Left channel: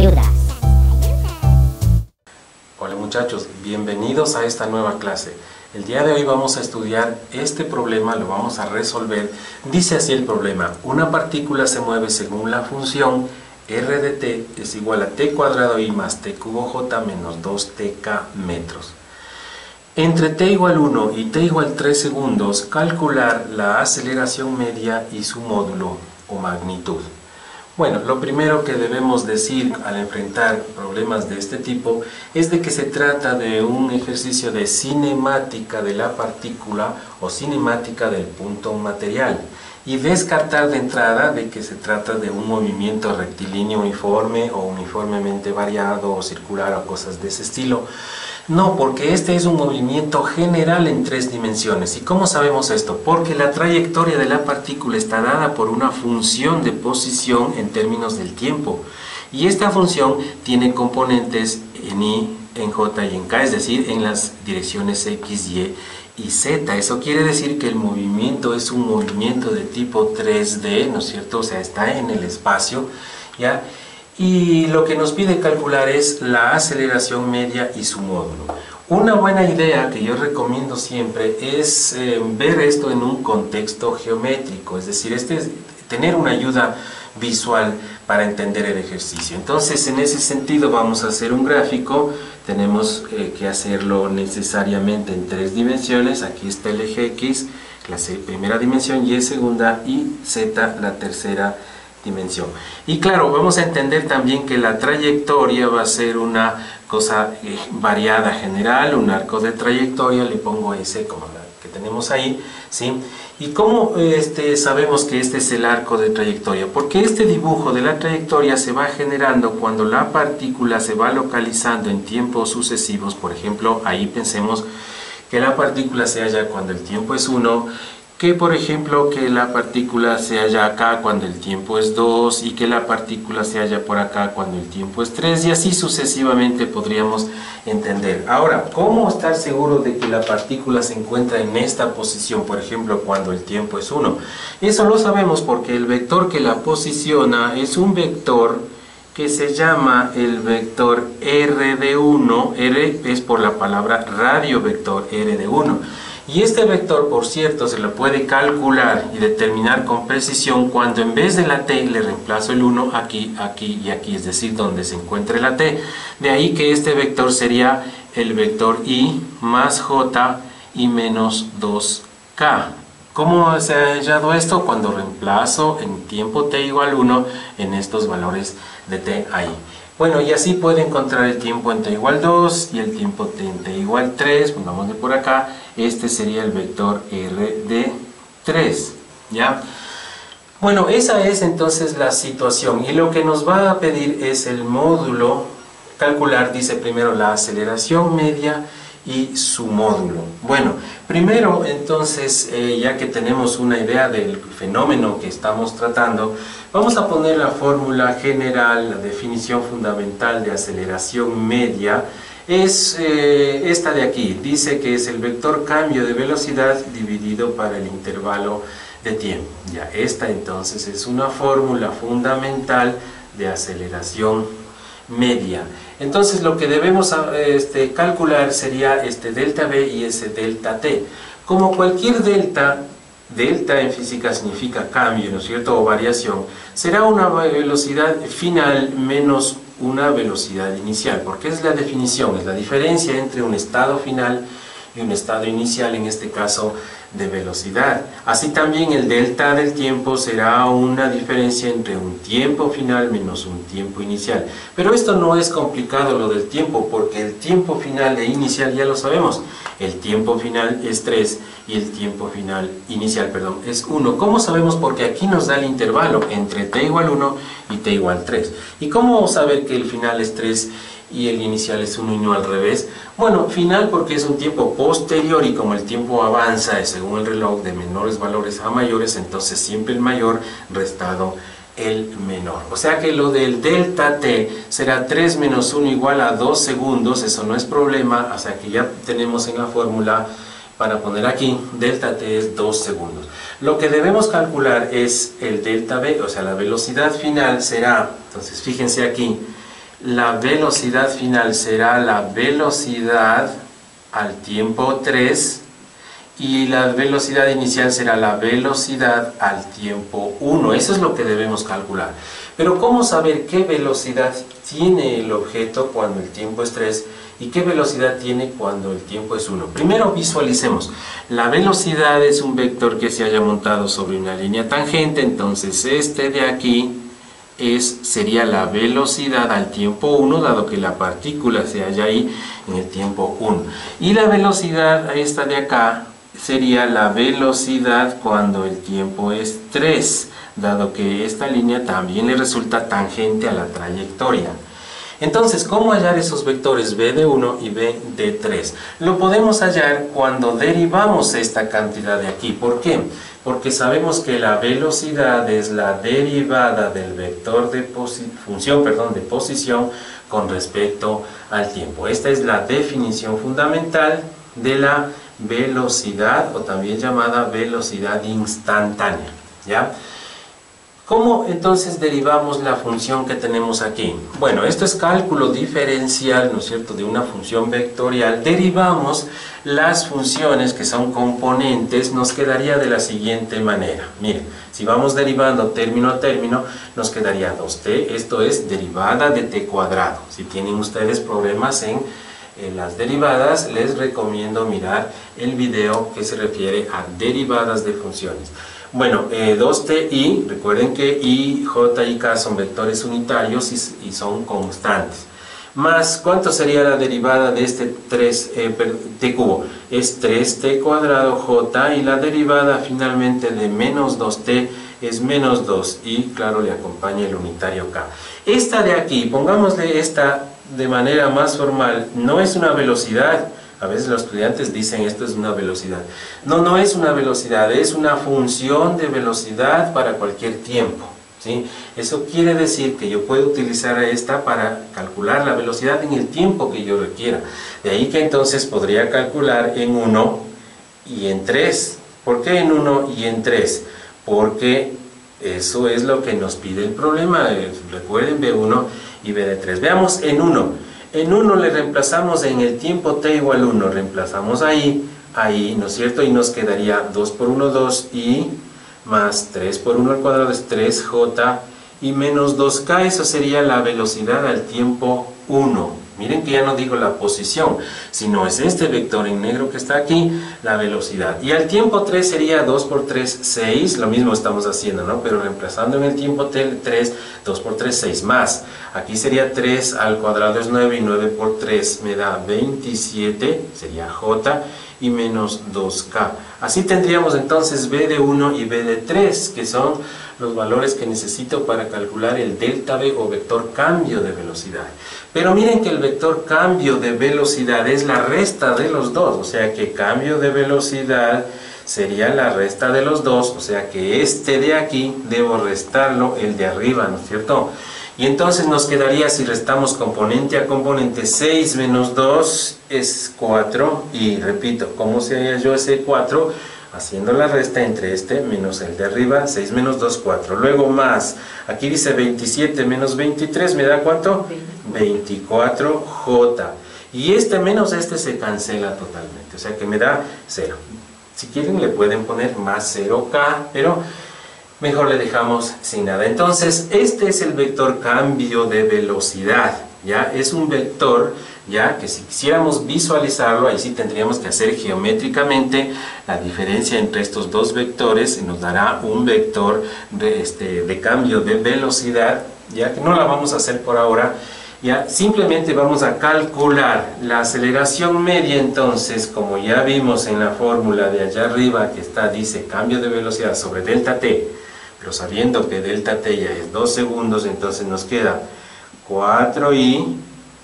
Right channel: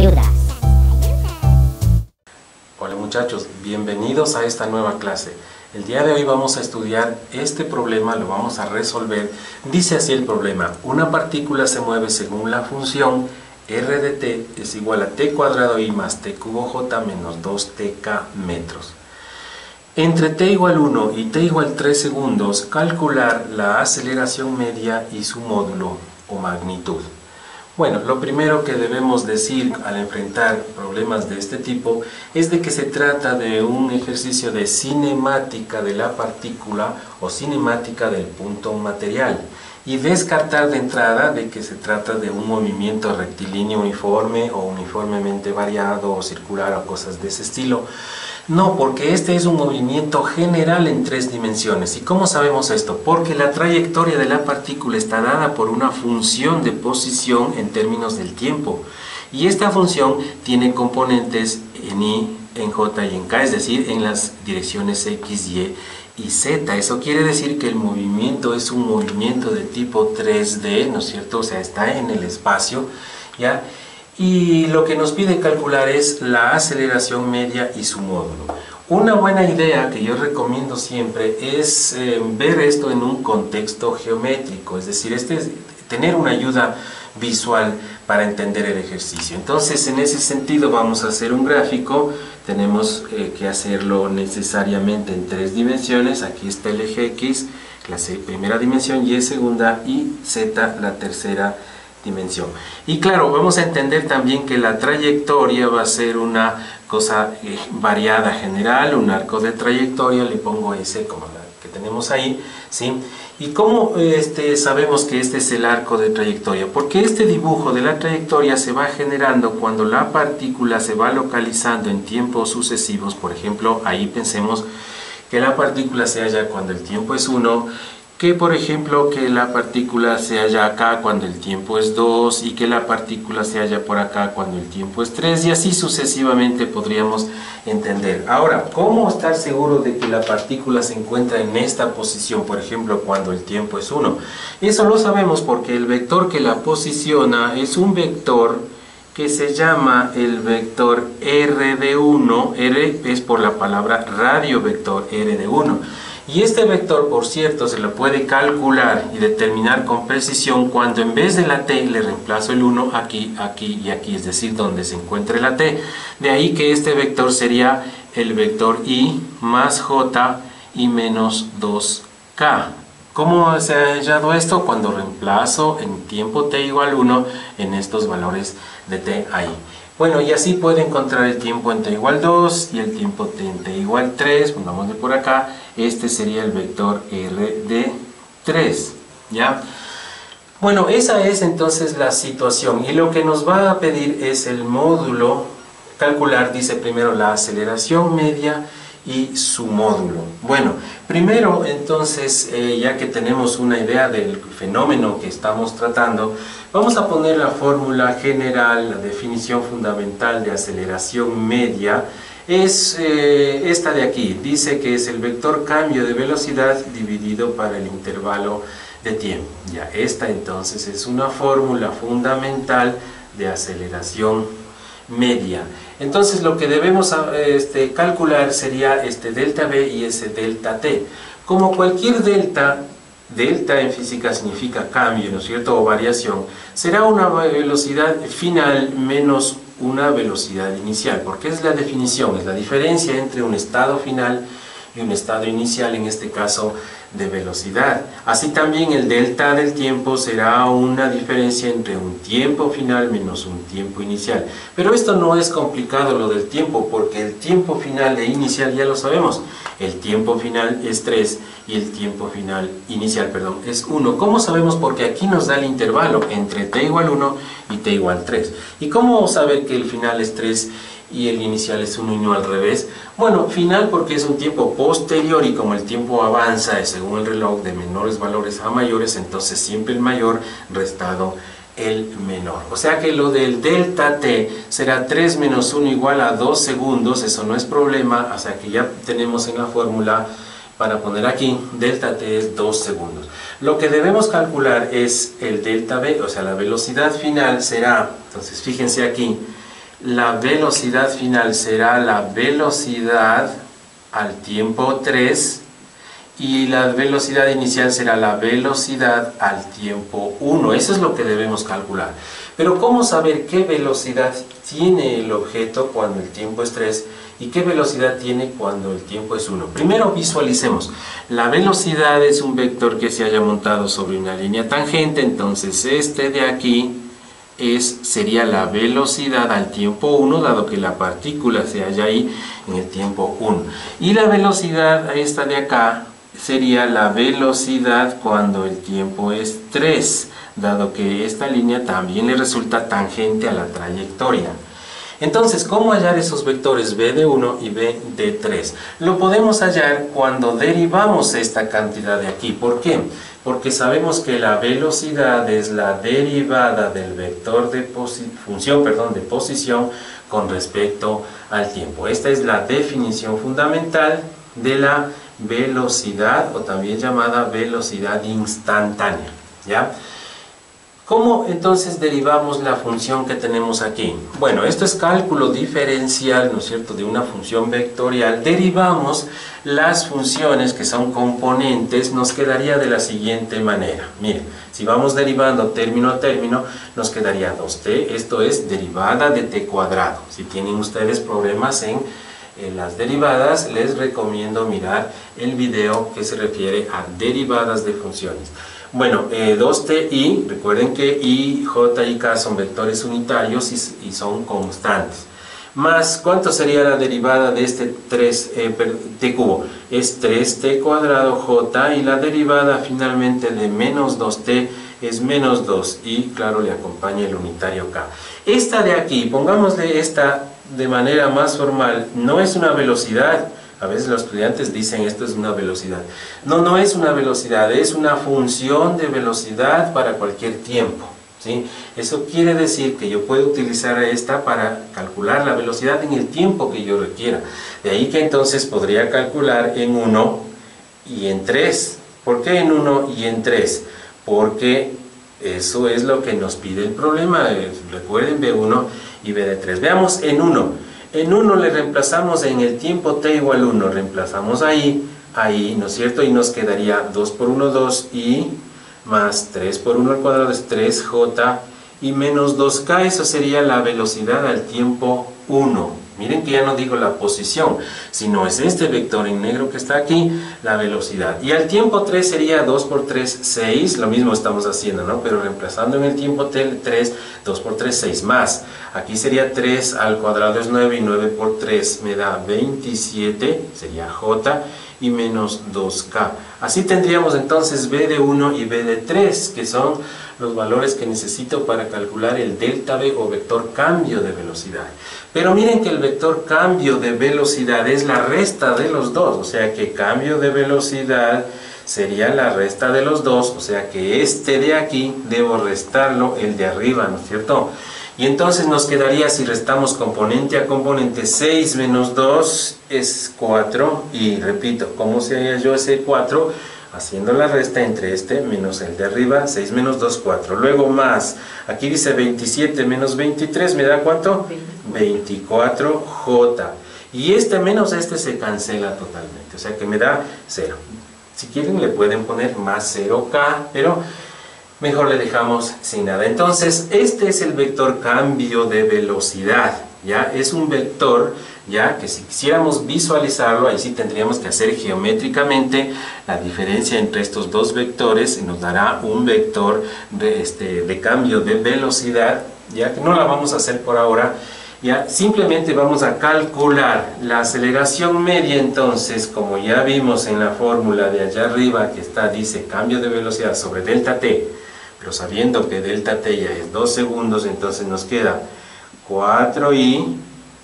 ayuda. Hola muchachos, bienvenidos a esta nueva clase. El día de hoy vamos a estudiar este problema, lo vamos a resolver. Dice así el problema: una partícula se mueve según la función r de t es igual a t cuadrado i más t cubo j menos 2tk metros. Entre t igual 1 y t igual 3 segundos, calcular la aceleración media y su módulo o magnitud. Bueno, lo primero que debemos decir al enfrentar problemas de este tipo es de que se trata de un ejercicio de cinemática de la partícula o cinemática del punto material, y descartar de entrada de que se trata de un movimiento rectilíneo uniforme o uniformemente variado o circular o cosas de ese estilo. No, porque este es un movimiento general en 3 dimensiones. ¿Y cómo sabemos esto? Porque la trayectoria de la partícula está dada por una función de posición en términos del tiempo. Y esta función tiene componentes en y, en j y en k, es decir, en las direcciones x, y y z. Eso quiere decir que el movimiento es un movimiento de tipo 3D, ¿no es cierto? O sea, está en el espacio, ¿ya? Y lo que nos pide calcular es la aceleración media y su módulo. Una buena idea que yo recomiendo siempre es ver esto en un contexto geométrico, es decir, tener una ayuda visual para entender el ejercicio. Entonces, en ese sentido vamos a hacer un gráfico. Tenemos que hacerlo necesariamente en 3 dimensiones. Aquí está el eje X, la primera dimensión, Y segunda y Z la tercera dimensión. Y claro, vamos a entender también que la trayectoria va a ser una cosa variada general, un arco de trayectoria, le pongo S como la que tenemos ahí, ¿sí? ¿Y cómo sabemos que este es el arco de trayectoria? Porque este dibujo de la trayectoria se va generando cuando la partícula se va localizando en tiempos sucesivos. Por ejemplo, ahí pensemos que la partícula se halla cuando el tiempo es 1, que por ejemplo que la partícula se halla acá cuando el tiempo es 2 y que la partícula se halla por acá cuando el tiempo es 3, y así sucesivamente podríamos entender. Ahora, ¿cómo estar seguro de que la partícula se encuentra en esta posición, por ejemplo cuando el tiempo es 1? Eso lo sabemos porque el vector que la posiciona es un vector que se llama el vector r de 1, r es por la palabra radio vector r de 1. Y este vector, por cierto, se lo puede calcular y determinar con precisión cuando en vez de la t le reemplazo el 1 aquí, aquí y aquí, es decir, donde se encuentre la t. De ahí que este vector sería el vector i más j y menos 2k. ¿Cómo se ha hallado esto? Cuando reemplazo en tiempo t igual 1 en estos valores de t ahí. Bueno, y así puedo encontrar el tiempo en t igual 2 y el tiempo t en t igual 3. Pongámosle por acá. Este sería el vector r de 3, ¿ya? Bueno, esa es entonces la situación. Y lo que nos va a pedir es el módulo. Calcular, dice primero, la aceleración media y su módulo. Bueno, primero entonces, ya que tenemos una idea del fenómeno que estamos tratando, vamos a poner la fórmula general, la definición fundamental de aceleración media. Es esta de aquí. Dice que es el vector cambio de velocidad dividido para el intervalo de tiempo. Ya, esta entonces es una fórmula fundamental de aceleración media. Entonces lo que debemos calcular sería este delta v y ese delta t. Como cualquier delta en física significa cambio, ¿no es cierto?, o variación, será una velocidad final menos una velocidad inicial, porque es la definición, es la diferencia entre un estado final y un estado inicial, en este caso de velocidad. Así también el delta del tiempo será una diferencia entre un tiempo final menos un tiempo inicial. Pero esto no es complicado, lo del tiempo, porque el tiempo final e inicial ya lo sabemos. El tiempo final es 3 y el tiempo final inicial, es 1. ¿Cómo sabemos? Porque aquí nos da el intervalo entre t igual 1 y t igual 3. ¿Y cómo saber que el final es 3 y el inicial es 1 y no al revés? Bueno, final porque es un tiempo posterior, y como el tiempo avanza según el reloj de menores valores a mayores, entonces siempre el mayor restado el menor. O sea que lo del delta t será 3 menos 1 igual a 2 segundos, eso no es problema, o sea que ya tenemos en la fórmula para poner aquí, delta t es 2 segundos. Lo que debemos calcular es el delta v, o sea la velocidad final será, entonces fíjense aquí, la velocidad final será la velocidad al tiempo 3 y la velocidad inicial será la velocidad al tiempo 1. Eso es lo que debemos calcular. Pero ¿cómo saber qué velocidad tiene el objeto cuando el tiempo es 3 y qué velocidad tiene cuando el tiempo es 1? Primero visualicemos. La velocidad es un vector que se haya montado sobre una línea tangente, entonces este de aquí sería la velocidad al tiempo 1, dado que la partícula se halla ahí en el tiempo 1. Y la velocidad esta de acá sería la velocidad cuando el tiempo es 3, dado que esta línea también le resulta tangente a la trayectoria. Entonces, ¿cómo hallar esos vectores b de 1 y b de 3? Lo podemos hallar cuando derivamos esta cantidad de aquí. ¿Por qué? Porque sabemos que la velocidad es la derivada del vector de función de posición con respecto al tiempo. Esta es la definición fundamental de la velocidad, o también llamada velocidad instantánea, ¿ya? ¿Cómo entonces derivamos la función que tenemos aquí? Bueno, esto es cálculo diferencial, ¿no es cierto?, de una función vectorial. Derivamos las funciones que son componentes, nos quedaría de la siguiente manera. Miren, si vamos derivando término a término, nos quedaría 2t, esto es derivada de t cuadrado. Si tienen ustedes problemas en las derivadas, les recomiendo mirar el video que se refiere a derivadas de funciones. Bueno, 2ti, recuerden que i, j y k son vectores unitarios y son constantes. Más, ¿cuánto sería la derivada de este t cubo? Es 3t cuadrado j, y la derivada finalmente de menos 2t es menos 2, y claro, le acompaña el unitario k. Esta de aquí, pongámosle esta de manera más formal, no es una velocidad. A veces los estudiantes dicen esto es una velocidad. No, no es una velocidad, es una función de velocidad para cualquier tiempo, ¿sí? Eso quiere decir que yo puedo utilizar esta para calcular la velocidad en el tiempo que yo requiera. De ahí que entonces podría calcular en 1 y en 3. ¿Por qué en 1 y en 3? Porque eso es lo que nos pide el problema. Recuerden B1 y B de 3. Veamos en 1. En 1 le reemplazamos en el tiempo t igual 1, reemplazamos ahí, ¿no es cierto? Y nos quedaría 2 por 1, 2i, más 3 por 1 al cuadrado es 3j, y menos 2k, eso sería la velocidad al tiempo 1. Miren que ya no digo la posición, sino es este vector en negro que está aquí, la velocidad. Y al tiempo 3 sería 2 por 3, 6, lo mismo estamos haciendo, ¿no? Pero reemplazando en el tiempo 3, 2 por 3, 6 más. Aquí sería 3 al cuadrado es 9, y 9 por 3 me da 27, sería j, y menos 2k. Así tendríamos entonces b de 1 y b de 3, que son los valores que necesito para calcular el delta v, o vector cambio de velocidad. Pero miren que el vector cambio de velocidad es la resta de los dos, o sea que cambio de velocidad sería la resta de los dos, o sea que este de aquí debo restarlo el de arriba, ¿no es cierto? Y entonces nos quedaría, si restamos componente a componente, 6 menos 2 es 4, y repito, ¿cómo se halla yo ese 4? Haciendo la resta entre este menos el de arriba, 6 menos 2, 4. Luego más, aquí dice 27 menos 23, ¿me da cuánto? 24j. Y este menos este se cancela totalmente, o sea que me da 0. Si quieren le pueden poner más 0k, pero mejor le dejamos sin nada. Entonces, este es el vector cambio de velocidad, ¿ya? Es un vector, ya, que si quisiéramos visualizarlo, ahí sí tendríamos que hacer geométricamente la diferencia entre estos dos vectores, y nos dará un vector de cambio de velocidad, ya que no la vamos a hacer por ahora. Ya, simplemente vamos a calcular la aceleración media. Entonces, como ya vimos en la fórmula de allá arriba que está, dice cambio de velocidad sobre delta t, pero sabiendo que delta t ya es 2 segundos, entonces nos queda 4i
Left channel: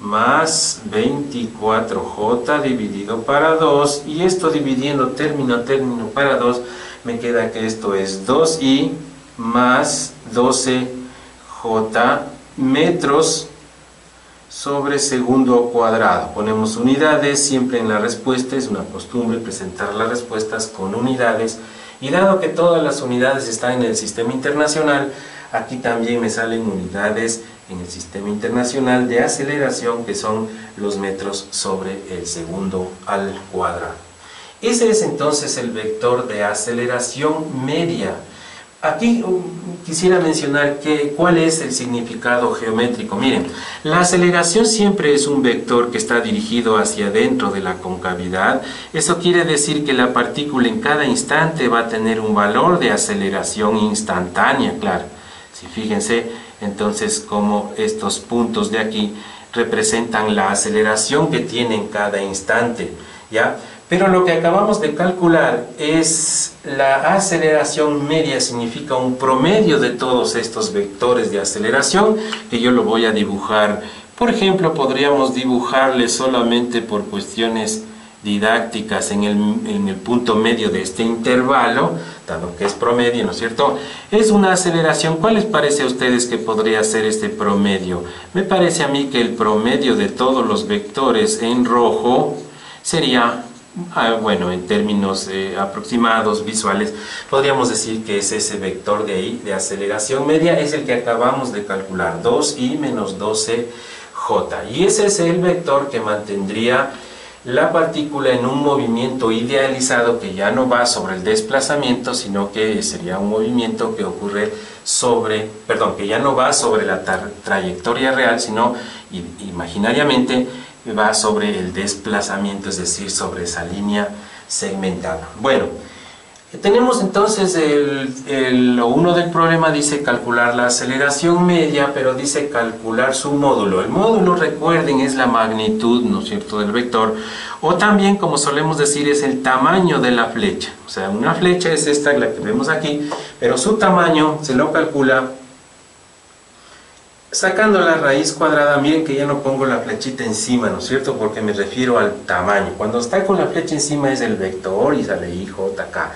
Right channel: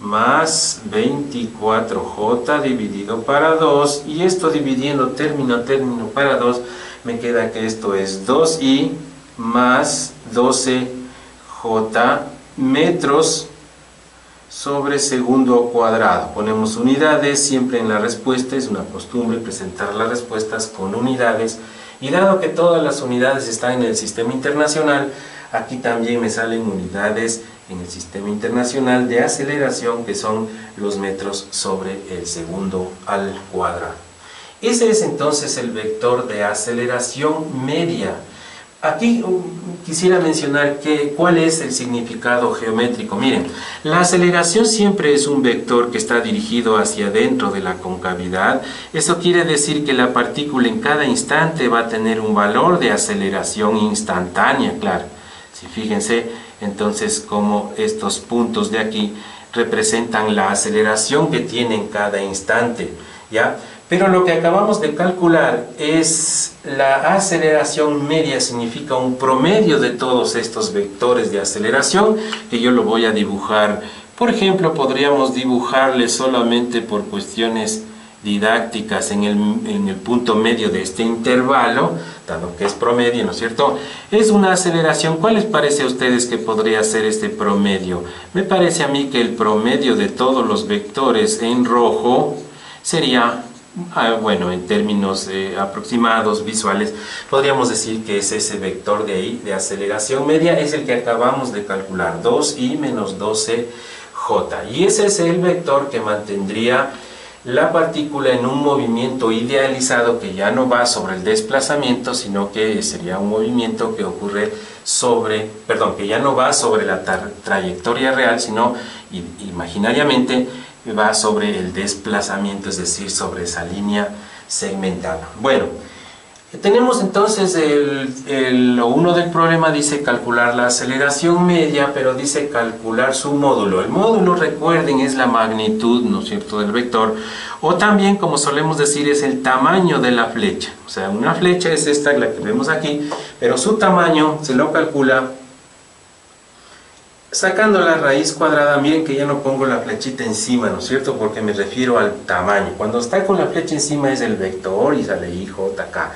más 24j dividido para 2, y esto dividiendo término a término para 2, me queda que esto es 2i más 12j metros sobre segundo cuadrado. Ponemos unidades siempre en la respuesta, es una costumbre presentar las respuestas con unidades, y dado que todas las unidades están en el sistema internacional, Aquí también me salen unidades en el sistema internacional de aceleración, que son los metros sobre el segundo al cuadrado. Ese es entonces el vector de aceleración media. Aquí quisiera mencionar cuál es el significado geométrico. Miren, la aceleración siempre es un vector que está dirigido hacia adentro de la concavidad. Eso quiere decir que la partícula en cada instante va a tener un valor de aceleración instantánea, claro. Si fíjense, entonces, como estos puntos de aquí representan la aceleración que tiene en cada instante, ¿ya? Pero lo que acabamos de calcular es la aceleración media, significa un promedio de todos estos vectores de aceleración, que yo lo voy a dibujar. Por ejemplo, podríamos dibujarle solamente por cuestiones didácticas en el punto medio de este intervalo, dado que es promedio, ¿no es cierto? Es una aceleración. ¿Cuál les parece a ustedes que podría ser este promedio? Me parece a mí que el promedio de todos los vectores en rojo sería... bueno, en términos aproximados, visuales, podríamos decir que es ese vector de ahí, de aceleración media, es el que acabamos de calcular, 2i menos 12j. Y ese es el vector que mantendría la partícula en un movimiento idealizado que ya no va sobre el desplazamiento, sino que sería un movimiento que ocurre sobre, perdón, que ya no va sobre la trayectoria real, sino imaginariamente va sobre el desplazamiento, es decir, sobre esa línea segmentada. Bueno, tenemos entonces lo uno del problema dice calcular la aceleración media, pero dice calcular su módulo. El módulo, recuerden, es la magnitud, ¿no es cierto?, del vector, o también, como solemos decir, es el tamaño de la flecha. O sea, una flecha es esta, la que vemos aquí, pero su tamaño se lo calcula sacando la raíz cuadrada. Miren que ya no pongo la flechita encima, ¿no es cierto?, porque me refiero al tamaño. Cuando está con la flecha encima es el vector y sale I, J, K.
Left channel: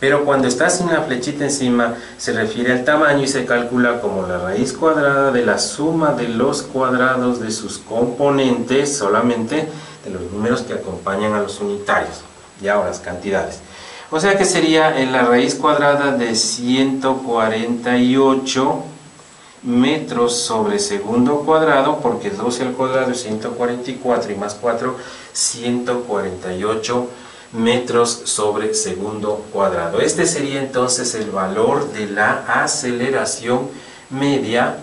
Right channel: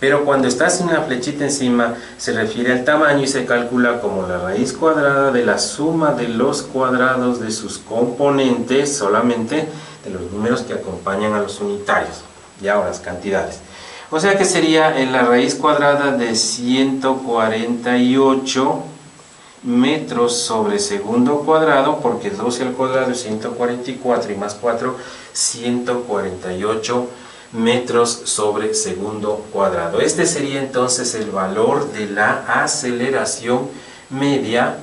Pero cuando está sin la flechita encima se refiere al tamaño y se calcula como la raíz cuadrada de la suma de los cuadrados de sus componentes, solamente de los números que acompañan a los unitarios, y ahora las cantidades. O sea que sería en la raíz cuadrada de 148 metros sobre segundo cuadrado, porque 12 al cuadrado es 144 y más 4, 148 metros sobre segundo cuadrado. Este sería entonces el valor de la aceleración media,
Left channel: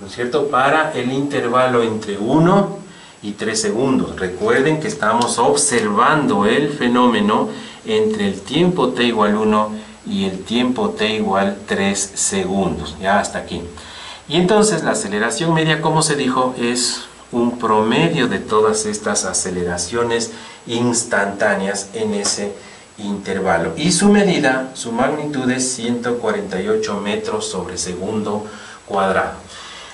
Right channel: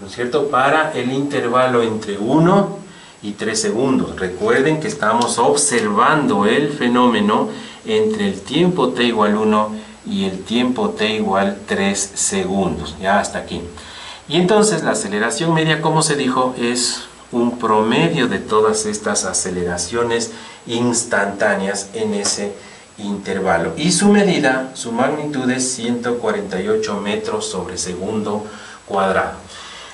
¿no es cierto?, para el intervalo entre 1 y 3 segundos. Recuerden que estamos observando el fenómeno entre el tiempo t igual 1 y el tiempo t igual 3 segundos. Ya hasta aquí. Y entonces la aceleración media, como se dijo, es un promedio de todas estas aceleraciones instantáneas en ese intervalo. Y su medida, su magnitud es 148 metros sobre segundo cuadrado.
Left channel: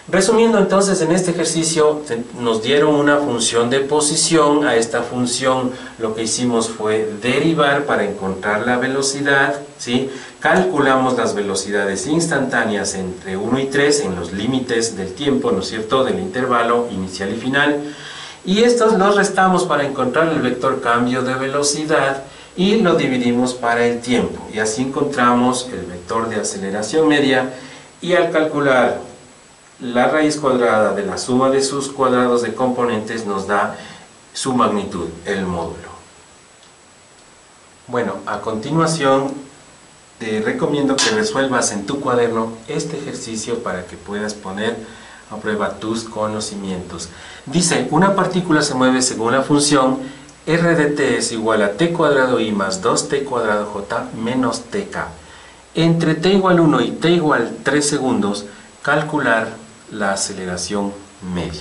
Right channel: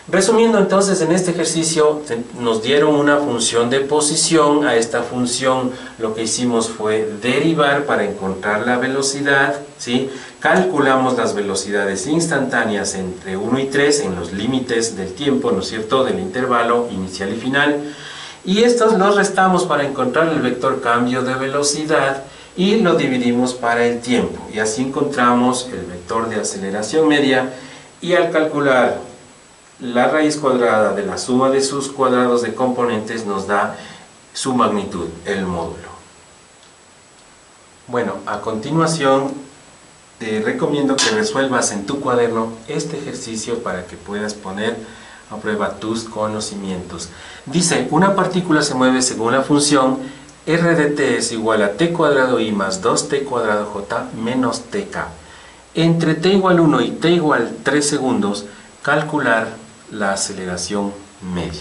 Resumiendo entonces, en este ejercicio nos dieron una función de posición. A esta función lo que hicimos fue derivar para encontrar la velocidad, ¿sí? Calculamos las velocidades instantáneas entre 1 y 3 en los límites del tiempo, ¿no es cierto?, del intervalo inicial y final. Y estos los restamos para encontrar el vector cambio de velocidad y lo dividimos para el tiempo. Y así encontramos el vector de aceleración media, y al calcular la raíz cuadrada de la suma de sus cuadrados de componentes nos da su magnitud, el módulo. Bueno, a continuación te recomiendo que resuelvas en tu cuaderno este ejercicio para que puedas poner a prueba tus conocimientos. Dice, una partícula se mueve según la función r de t es igual a t cuadrado i más 2t cuadrado j menos tk. Entre t igual 1 y t igual 3 segundos, calcular la aceleración media.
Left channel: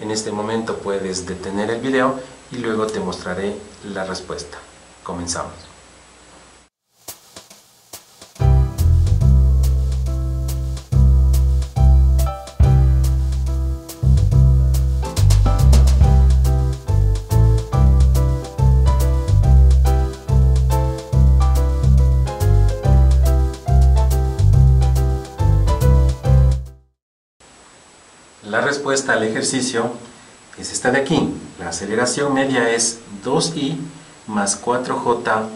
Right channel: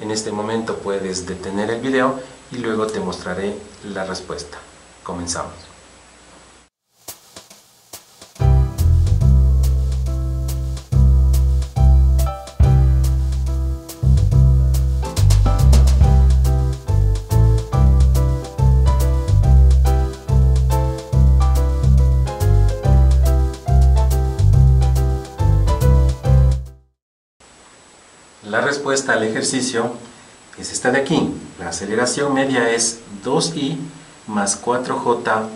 En este momento puedes detener el video y luego te mostraré la respuesta. Comenzamos. La respuesta al ejercicio es esta de aquí. La aceleración media es 2i más 4j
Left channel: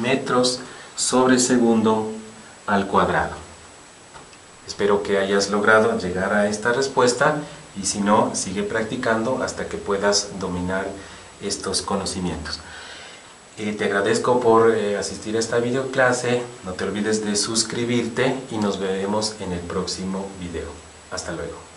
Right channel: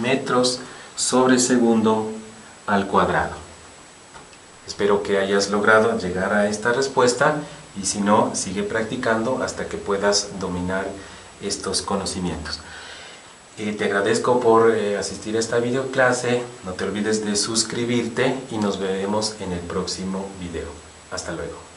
metros sobre segundo al cuadrado. Espero que hayas logrado llegar a esta respuesta y si no, sigue practicando hasta que puedas dominar estos conocimientos. Te agradezco por asistir a esta videoclase, no te olvides de suscribirte y nos veremos en el próximo video. Hasta luego.